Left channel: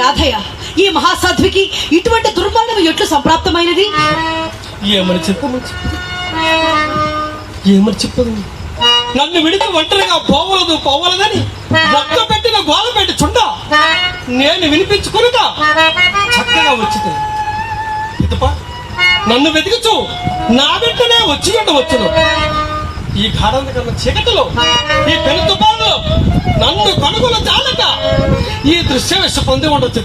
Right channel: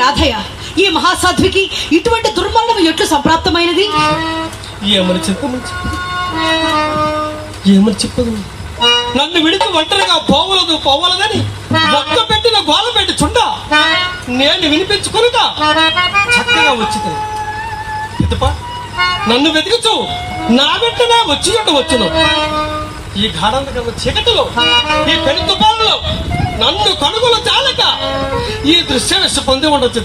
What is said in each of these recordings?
రాధయ్య, ఈ మహాసాధ్వికి ఇటువంటి దుర్మరణం ఎట్లు సంప్రాప్తమైనది? ఏమని చెప్పదు నన్ను విడిచి ఒంటరిగా పోవలదని ఒక్క పెట్టిన గోల పెట్టి చుండ నేను వినిపించుకునుక చక్కగా వచ్చింది. నన్ను వెతికిచు నా వెంటనే వచ్చి ఉండవచ్చును. ఈ గాఢంత కన్నా చీకటిలో, ఈ పెను తుఫానులో నన్ను కనుగొన చాలక ఈ దృశ్యవేశ పొంది ఉండొచ్చు.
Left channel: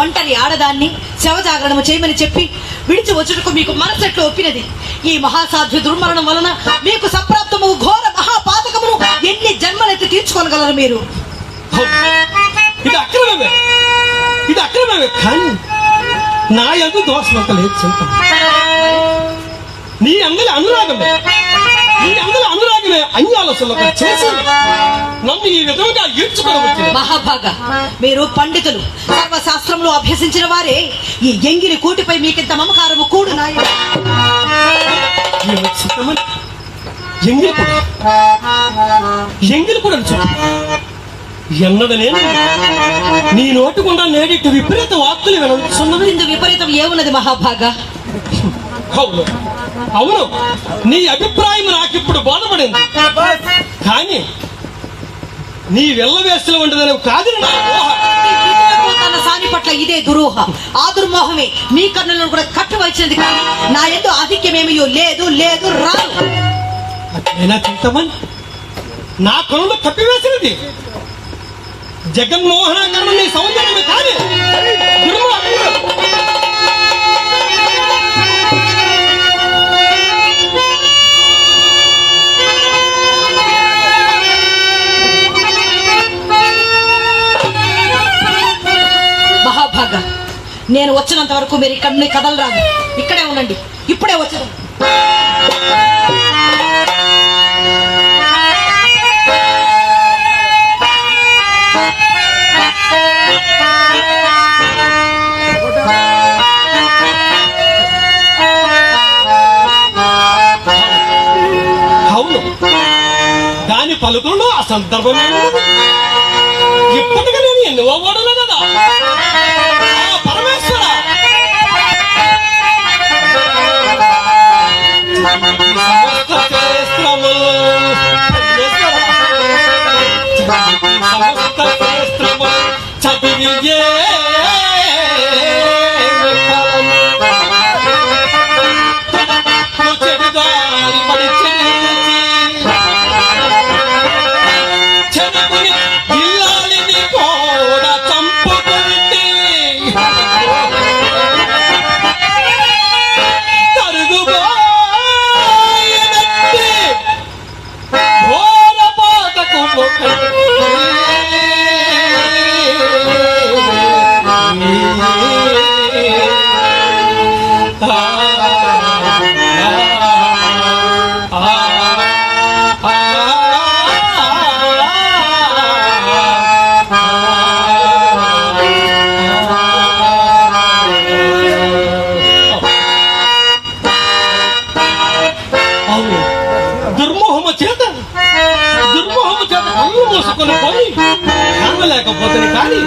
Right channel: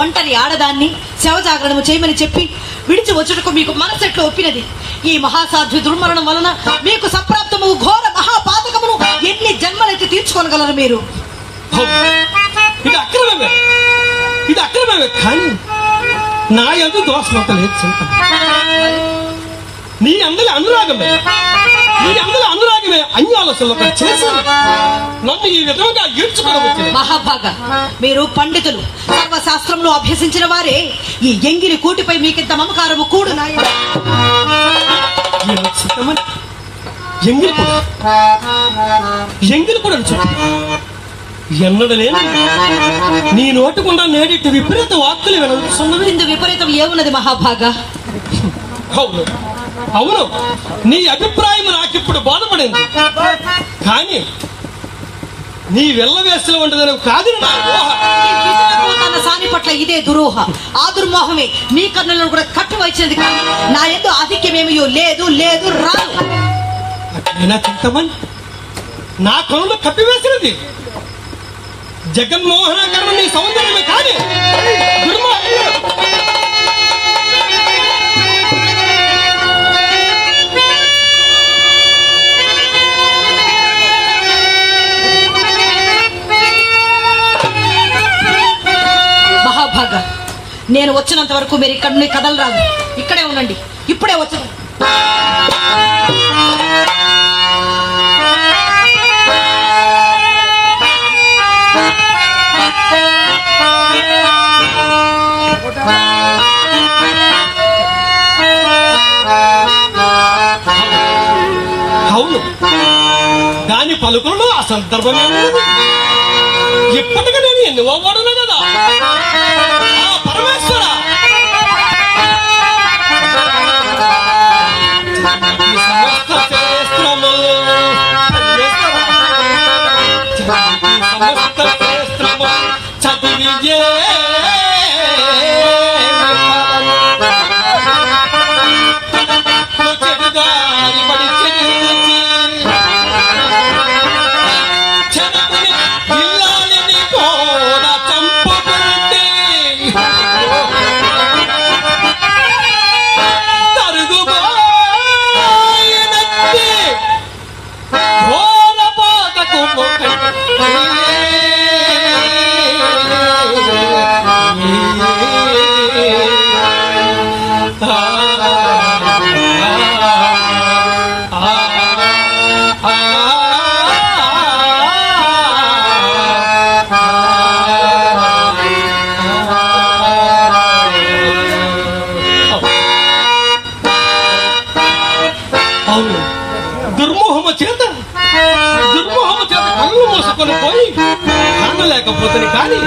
ఒంటరి ఆడదాన్ని శవ జాగరణము చేయమని చెప్పి విడిచి వచ్చుటకు మీకు మనసెట్లు ఒప్పినది. ఈ మహాసాధ్వి దుర్మరణం వలన మీకు సంప్రాప్తము ఘోర మహాపాతకమును ఎన్ని జన్మలెత్తి తీర్చుకోగలరు మీరు? ఇది అక్రమమే కానీ నా ఎందు దోషమంత లేదు. నీ అందరి అనురాగమే అన్యాలసలు చేసి నన్ను ఈ విధంగా ఈడ్చుకోవచ్చు. మహాభాగ, మీరు పండితులు, సర్వశాస్త్రంలో అభ్యసించిన వారే. ఈ ఎంగిలి కూటిపై మీకింత మమకారము కూడు ఎంగిలి కూడా ఎన్నడ నేను నీ నోటుకుండా నేడిట్టు విపరీత వాక్కులు వినవచ్చున్నది. ఇందు విపరీతం ఏమున్నది మహాభాగా? అవును, నీ అభిప్రాయం నాకిప్పుడు బాధపడింది. కానీ నీ వెళ్ళవేస్తూ ఉండదని కాదు నా ఊహ. తన సాని పట్ల ఇదే దురూహ, ఆ దుర్మోహమే మీ కన్నులను కూడా కట్టువచ్చినది. కానీ నా ఎందు ఆధిక్యమేమో లేదు రాదు. అట్లయినా చింతమని నా కనులు కప్పివేసినది జగన్మోహనకరణ నీ సౌందర్యమే కానీ మహాభాగా, నేను వచ్చినంత వరకు మీరు ఇక్కడ కదలరాదు. ఇక్కడే ఉండండి, ఇప్పుడే వచ్చాను. అవును, దాని పలుకులను ఆ సందర్భమేమో ఇప్పటికీ నేను ఎన్నో వాడును కదా. పరమేశ్వర, సమస్త శ్రేష్ఠము చదివి చెడుదారి పడి చెడుకుని ఇల్లాలని కూడా చంపుకుంటే తరుగుబాయనట్టి ఘోర పాతకు దుర్మోహము చేత కళ్ళు మూసుకొని పోయి కానలేకపోతుంది. కానీ